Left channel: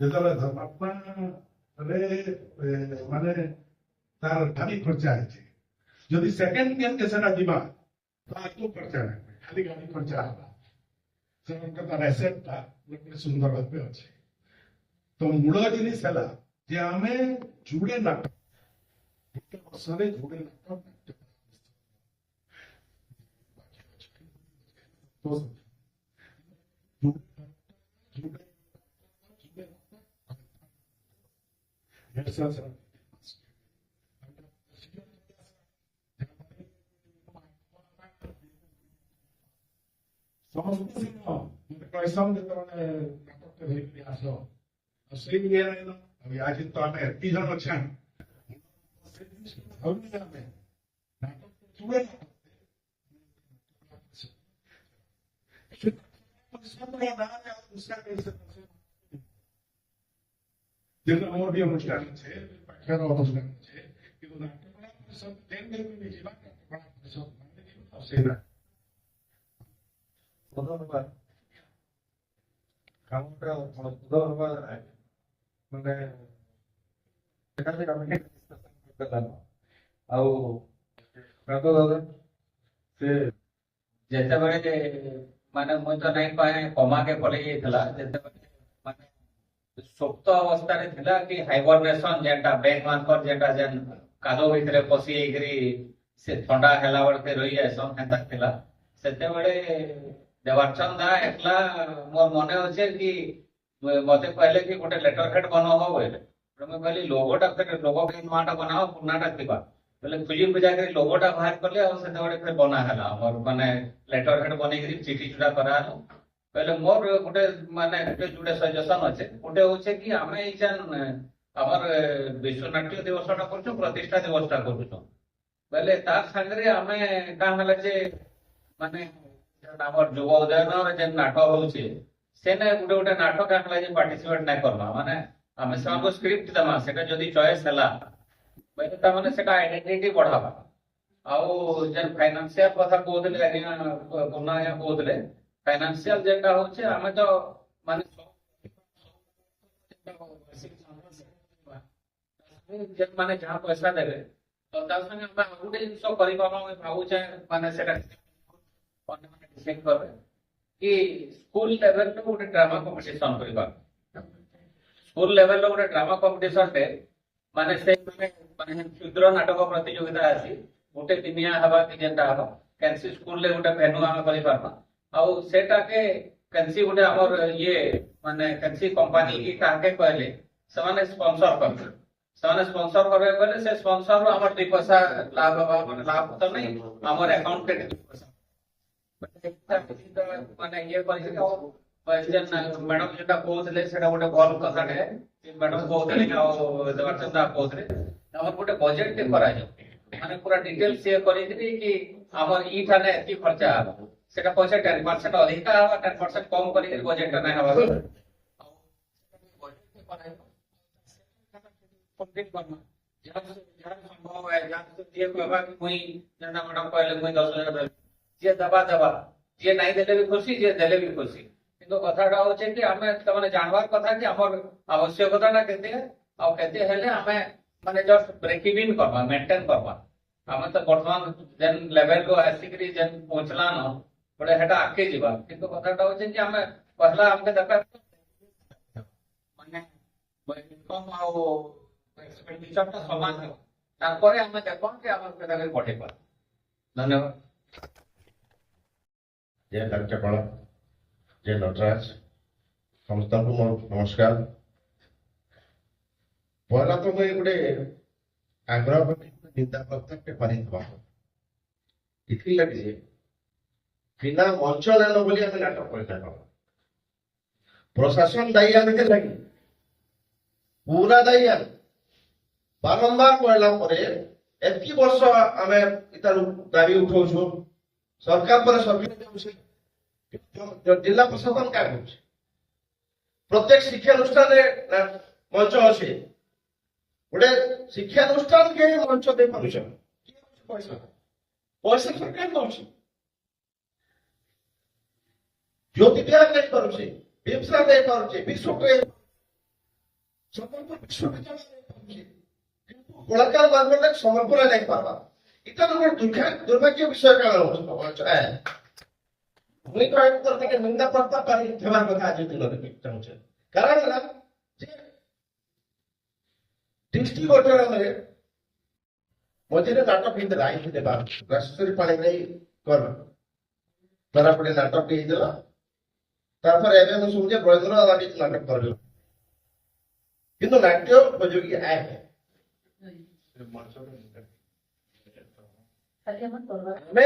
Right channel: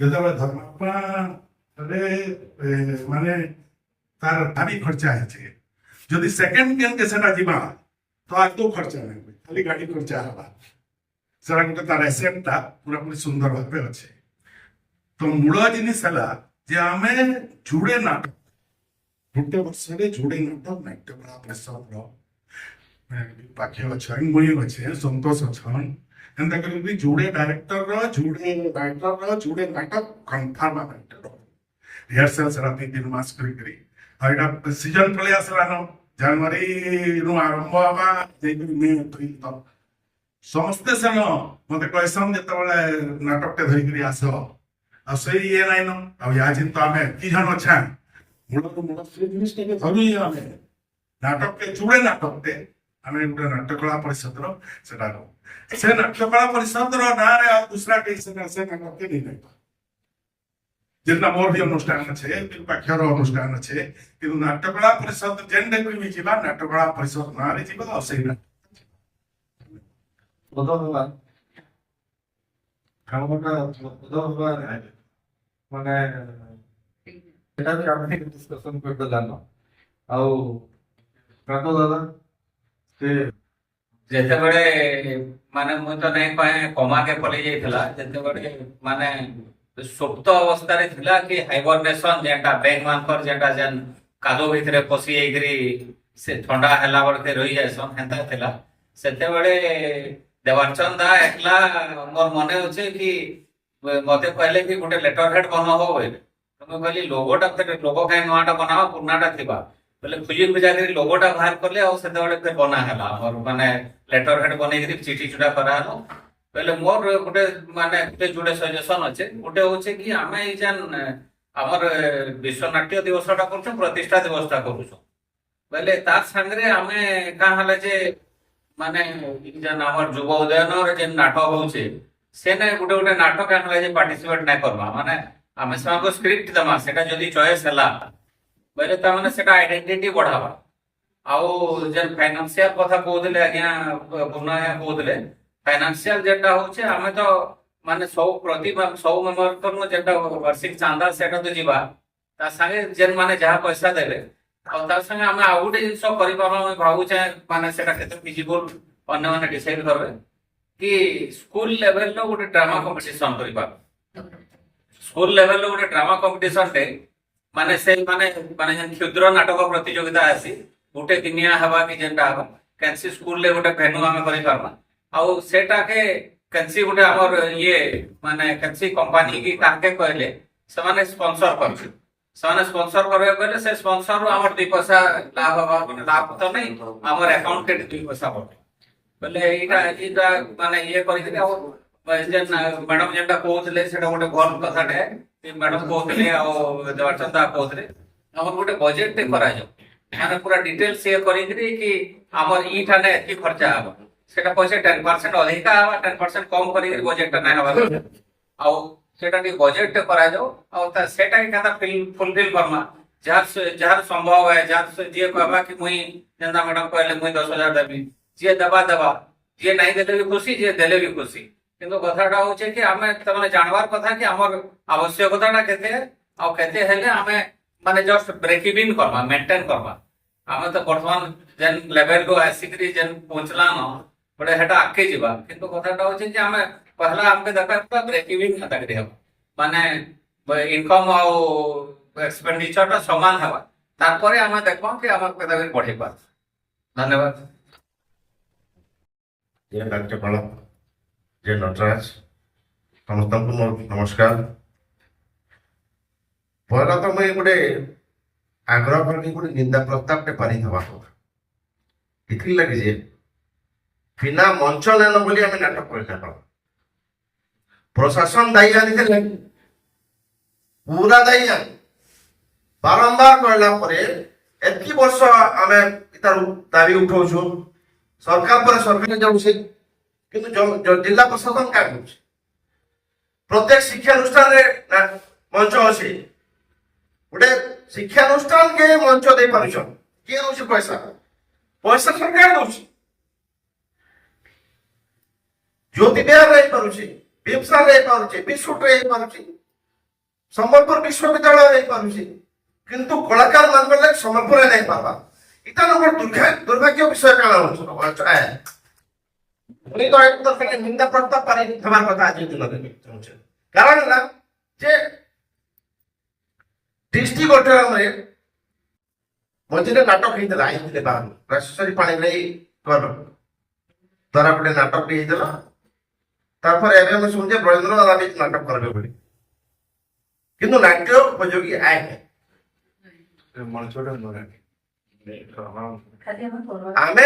ଯେତେବେଳେ ଧର୍ମାତ୍ମା ମାନେ ତାର ଭାରି ଖର୍ଚ୍ଚା ହେଇଛି ଯଦି ସେକେଣ୍ଡ କେନ୍କେ ସେଟା ଯିବା ତ ଆଦୌ ଖର୍ଚ୍ଚା ନାହିଁ ଖାଲି ଗାଡ଼ି ଖର୍ଚ୍ଚା ହେବା ସେଟା ଗୋଟେ ତାର ଏସେଟଟା ପୁରାପୁରି ସୁନ୍ଦର ଭାବେ ଅଛି ତ ମୂଳ ଜିନିଷ ହେଲା ଯେ ଆମେ ଯୁଡ଼େ ନାଟକ ଗୋଟେ ବର୍ଷରେ ଯୁଡ଼େ ନାଟକ ନାଟ୍ୟକଳା ପରିଷଦର ପାଖେ ଅଛନ୍ ମୁଇଁ ଅଛେ ସନ୍ତୋଷ ଅଛନ୍ ଏନ୍ତା କରି ଯୁଡ଼େ ଡାଇରେକ୍ଟରର ଯୁଡ଼େ ରାଇଟରର ଯୁଡ଼େ ନାଟକ କନଫର୍ମ ଆମେ ରିହର୍ସାଲ ସେଟା 3 ମାସ କରିକିରି ଆଉ ଏଇଟା ସିଜନ ପଳେଇ ଆସିଲାନ ଜାନୁଆରୀରୁ ଆରମ୍ଭ ହେବା ଯାଇକରି ମେ ଏପ୍ରିଲ ତକ ସମସ୍ତେ ସେନ ମତେ କହିସନ୍ ଯେତେବେଳେ ନାଟକଟେ ଧରିକିରି ଆସ ଆଉ ସେଇ ଇଏ ନାଇନ ଆଉ ୟା ଯେନ୍ ତ ଆମେ ଏତ୍କି ଜଣ ଅଛା ମୂଳରୁ ମୂଳ ସେ ଜିନିଷଟାକେ ଧରୁ ଆମେ ନାଟକଟେ ଯୁଡ଼େ ନାଟକଟେ ଆମେ ଗୋଟେ ନାଟ୍ୟକଳା ପରିଷଦର ସେଟା ସେ ନାଟ୍ୟକଳା ପରିଷଦର ନାଁରେ ଆଉ ଦୁସରା କେହି ସେଟା ସେ ନାଟକଟେ ନେଇ ନାଇଁ যেটা মোর भी অনুষ্ঠান আছে পাখের অনুষ্ঠান আছে কিন্তু নাট্যকলা পরিষদ যেন দেখবি যা নাট্যকলা পরিষদ নাঁরে যা আর সেইটা কামটা মানে এটা ବି ଆମେ ଡିସ୍କସନ କରିଦେଲାନ ଆଉ କାଦ ଦାଦା ସେ ଯେତେବେଳେ ମାନେ ମୁଁ ତ ନାଇଁ କହେ କମାକେ ପଳେଇ ଯାଇଥିଲା ଯେତେବେଳେ ମାନେ ସୁପ୍ତ ଅବସ୍ଥାରେ ଥିଲା କି ହାଇବରନେସନ ଯେନ୍ଟା ବ୍ୟାଙ୍କ ମାନଙ୍କର ଯେନ୍ଟା ଯେନ୍ କାଦୁ ଭିତରେ ପଶି ଯାଇକିରି ସେ ଥଣ୍ଡା ହେଲା ବେଳକେ ରହି ଯାଇସନ୍ ହେନ୍ତା ଥିଲା ସେତେବେଳେ ଦେବାଚନ୍ଦ ଦା ଏକଲା ମୋର ମନେ ଅଛି କି ମତେ କହିଲେ କି ଗୋଟେ ଲେଟର ହେଡ ବନାବ ବୋଇଲେ ମୁଁ କହିଲି ଲୋଗୋଟା ଲୋଗୋ କାହିଁ ନୂଆଟା ବନାବ ପୁରୁଣାଟା ଥିବା ବୋଲେ ଖୁଜି ଖୁଜା କରି ଲୋଗୋଟା ବାହାର କଲେ ଆଉ ସେତେବେଳେ ଫେର ବନା ହେଲା ଆମର ମାନେ ଲେଟର ହେଡ ବନେଇକିରି ଚିଠି ଚୁଟା କରାହେଲା ବୋଲେ ମୋର ଗୋଟେ ମାନେ ଗୋଟେ ସଜେସନ ଅଛେ ଗୋଟେ ହଉଛି କି ଆମେ ଏଇ ଯେନ୍ ଆମର ବିଶ୍ୱ ନାଟ୍ୟ ଦିବସଟା କରୁଛୁ ପ୍ରତିଷ୍ଠା ଦିବସଟା କରୁଛୁ ବୋଲେ ତାର ସାଙ୍ଗରେ ଆମେ କାଁ ହେଲା ଯେ ମାନେ ଯେନ୍ ଆମର ଯୁବ ଉଦୟନର ଯେନ୍ ନାଟକ ହଉଛି ସେନେ ଗୋଟେ ଗୋଟେ ନାଟକ ଆମେ ଯେ ପାର୍ଟିସିପେଟ ନାଇଁ କରବା ମାନେ ଆମେ ସେମାନଙ୍କୁ ସ୍କ୍ରିପ୍ଟ ଦେମା ସେଟା ଯଦି ଚଏସ୍ ହେଲା ବୋଲେ ତାମାନେ ସେଟା ଆଇଡେଣ୍ଟିଟି ବଢାବା ଆଉ ଯେନ୍ ଫାଇନାନ୍ସିଆଲ କଥା କହୁଥିଲେ ଆଜ୍ଞା ପୂର୍ଣ୍ଣ ଆଜ୍ଞା କହୁଥିଲେ फाइनेंशियल जेटा होचे हमें तो माने सब मेंबर जेटा वार्षिक चांदा सेटा तो जीवा ता संगे जेन माने जहा पैसा देले आ ता संगे हम आ गुटे जिंस करि पाबा हम भाबु छै माने सेटा केते फिजिबल अन्य माने डिसाइड करबे कि स्कूल लेवल लो गुटे ड्रामा कंपटीशन करिबा स्कूल लेवल लो गुटे ड्रामा कंपटीशन ते माने से माने माने जेन क्षुद्र नाटक प्रतियोगिता आसी गुटे दिनिया हवा कि जेनटा हवा कैंसी स्कूल ले गुटे भेनु हम करि पाबा ଆଉ ସେଟାକେ କେନ୍ସି ଗୋଟେ ଆମର ଇଏ ମାନେ କେନ୍ସି କମ୍ପାନୀ କି କାହାକେ କହିଲେ ସେମାନେ ସ୍ପନ୍ସର କରିବେ ସେମାନେ ସ୍ପନ୍ସର କରିବେ କହିଲେ ସେ ସ୍ପନ୍ସରରୁ ଆମର 2 ପଇସା ଲାଭ ଲାଭ ତ ନାହିଁ ଆମର ଆକାଉଣ୍ଟେଡ 2 ପଇସା ପଡେ ବୋଲେ ଏଇଟା ମାନେ ଇଏ କରିକି ଆଉ ଯେନ୍ ମ୍ୟାଡମ ଯେନ୍ଟା କହୁଥିଲେ ସେଟା ଗୋଟେ ଭଲ କଥାଟେ ମ୍ୟାଡମ କହୁଥିଲେ ଆଉ ଦେବାଚନ୍ଦ କହୁଥିଲେ ଆମର ଗୋଟେ ବଜେଟ ଟେ କରାଯାଉ ମାନେ ପୁରା ଡିଟେଲ୍ସ ଇଏ କରିକିରି କି ଆମର ଇଠାନେ ଏତିକି ଖର୍ଚ୍ଚା ହବ सेटा पैसे 10% अधिका हवा 10% कम करी बजेट ना हवा आउ सेटा नी बजेट करा जाओ आउ ता सेटा के खाता फुलफिल करमा जार संभव है जार जे कहबा कि मुई जेंदा मैडम कहले मुई 10,000 देबी जे दबा जे नहीं देले भी खुशी जे देले भी खुशी किंतु कथाटा होचे कि हमें तमने जानवार कथा कि हमर आवश्यकताटा केते आउ केते हेले हमें माने जस्ट ब्रेक इवन करमा मेंटेन करमा हमें तो वर्तमान जेन लेवल को आसिकरी जेन पहुंचला न बड़े हेटा आके जीवा किंतु कथाटा होचे कि हमें पहला हमके दरकार था ब्रेक इवन खाता करी हम माने इनकम आउ एक्सपेंडिचर ता समान हवा तारपरे हमें देखबो कि हमर पेदावी बढ़े पार धन्यवाद जय राज्यपाल जय नटराज समस्त को मोर नमस्कार पहला तो मैं गोटे आग्रह करनी गोटे निंदा प्रस्ताव टे पारी थवा इथि लगी जे बिना मंच नेन बोली आम नाटक कर प्रशासन दायी आनी पूरा दायी आनी बारंबार कहला एतकी वर्ष आम इतार दाबी उठाऊ सरकार पर सरकार जाऊे किंतु जिला प्रशासन क्या कर प्रत्येक शिक्षानुष्ठान मंच अच्छे गोटे शिक्षानुष्ठान के मंच दे पार किए दौर पैसा पैसा सरकार दौर ज्योति बिहार रही पारे बिमसा रही पारे बिस्कुट रही पारे ସମ୍ବଲପୁର ବିଶ୍ୱବିଦ୍ୟାଳୟ ହେଇପାରୁଛି କିନ୍ତୁ କଳାକାର ମାନଙ୍କର ଲାଗି ସମ୍ବଲପୁରରେ ନାଇଁ ପାରବା ଇଟା ନମ୍ବର ଦୁର୍ଭାଗ୍ୟ ବିଷୟ କାଣା ହଉଛି ପୁଣି ତ ଏକ ତରଫରେ ନିନ୍ଦା ପ୍ରସ୍ତାବ ପାରି ହେବାର କଥା ଆଜି ଦିନରେ ଚାହୁଁଛେ କାରଣ ହେଲା ଯେ ଡିଷ୍ଟ୍ରିକ୍ଟ ଅଡିଟୋରିୟମରେ ମଝିରେ ନାଟକ ହେଇଥିଲା ଆଇଥିଲେ ବାହାରୁ ରାଜେଶ୍ୱରୀ ପାଣିଗ୍ରାହୀ କର ଦ୍ୱାରା ଗୋଟେ ନାଟକଟି ହେଇଥିଲା ତାପରେ ଏବେ ଆମେ ଶୁଣୁଛେ ବ୍ରଜେନ୍ଦ୍ର ଦାଦା ବି ନାଟକ କରିବେ ବୋଲି କିନ୍ତୁ ନାଟ୍ୟ ଉପଯୋଗୀ ଆଏ ମଣିଷଟା ନୁହେଁ ଖାଲି ଆମେ ଆମେ